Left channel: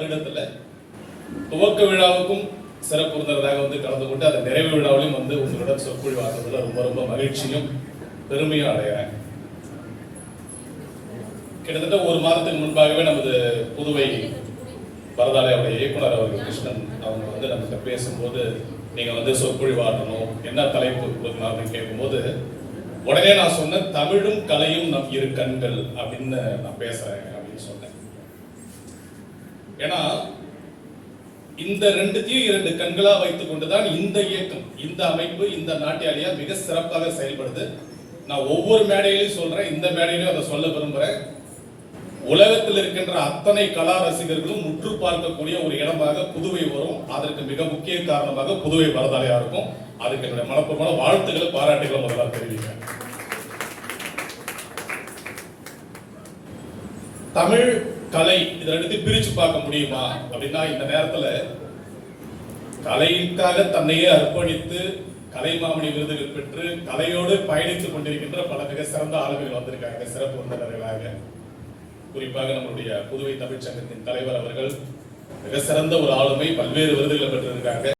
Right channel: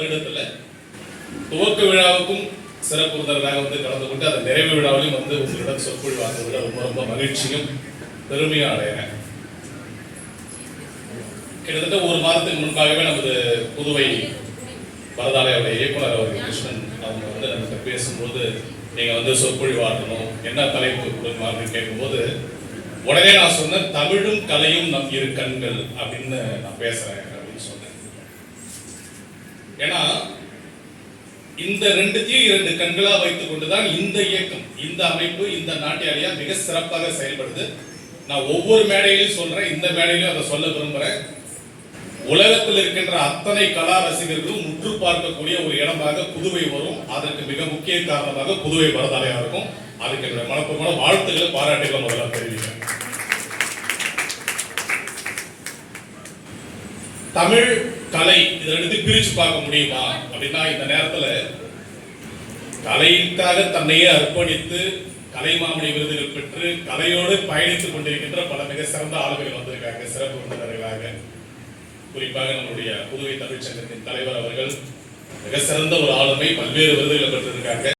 வருடத்துல துவக்க விழாவுக்கும் சிறப்பு விருந்தினராக வந்து கலந்து கொண்டு அந்த நிறைவு விழாவிலும் வந்து உங்களிடம் சொற்பொழிவாக்குறதுல ரொம்ப ரொம்ப மகிழ்ச்சியும் பெருமையும் அடைகிறேன் கிட்டத்தட்ட ஒரு மாதத்துக்கு முன்பாகவே நமது புதுவை பரதாலயாவுடைய இயக்குனர் அவர்கள் கிருஷ்ணன் அவங்க வந்து நமக்கு பேசும்போது நீங்க வந்து சொற்பொழிவாற்றணும் என்ன தலைப்பு கொடுக்கலாம்னு கேட்கும்போது உடனே நான் சொன்னேன் தமிழும் கலையும் நம் இரு கண்கள் அப்படின்னு நான் பேசுறேன் அப்படின்னு சொன்னேன். ஏன்னா இந்த ரெண்டுத்தையும் இரண்டு கண்களா வைத்துக் கொண்டுதான் இந்த இயக்கம் இந்த அமைப்பு இந்த நாட்டியாளியா மிக சிறப்பாக செயல்படுது. நான் ஒவ்வொரு மேடையிலும் சொல்றேன் இந்த மேடையிலும் அதை சொல்ல விரும்புறேன். உலகத்தில் இருக்கின்ற அத்தனை கலா ரசிகர்களும் முற்று பார்க்கக்கூடிய ஒரு இடமாக புதுவை வரும். அதற்கு மிக முக்கிய காரணமாக புதுவை வரதாலையா இருக்கும். அதுக்கு என்னுடைய மனப்பூர்வமான வாழ்த்துக்களை பாராட்டுகளை முதல்ல தெரிவிக்கிறேன். தமிழ் கலை இதை ரெண்டு பிரிச்சு பார்க்க முடியுமா? அப்படின்னா இந்த நேரத்துல கலைக்காக தன்னையே அர்ப்பணித்து கலைமாமணி விருதுகள் பெற்று கலையோடு பயணித்துக் கொண்டிருக்கின்ற பல மிக சிறந்த ஆளுகள் வந்திருக்காங்க. சிறப்பு விருந்தினர்களாக குறிப்பாக நம்முடைய புதுவை தமிழ்ச்சங்கத்தின் தலைவர் அவர்கள் மிக சிறந்த ஒரு ஆளுமை பல்வேறு விருதுகளை பெற்றிருக்காங்க.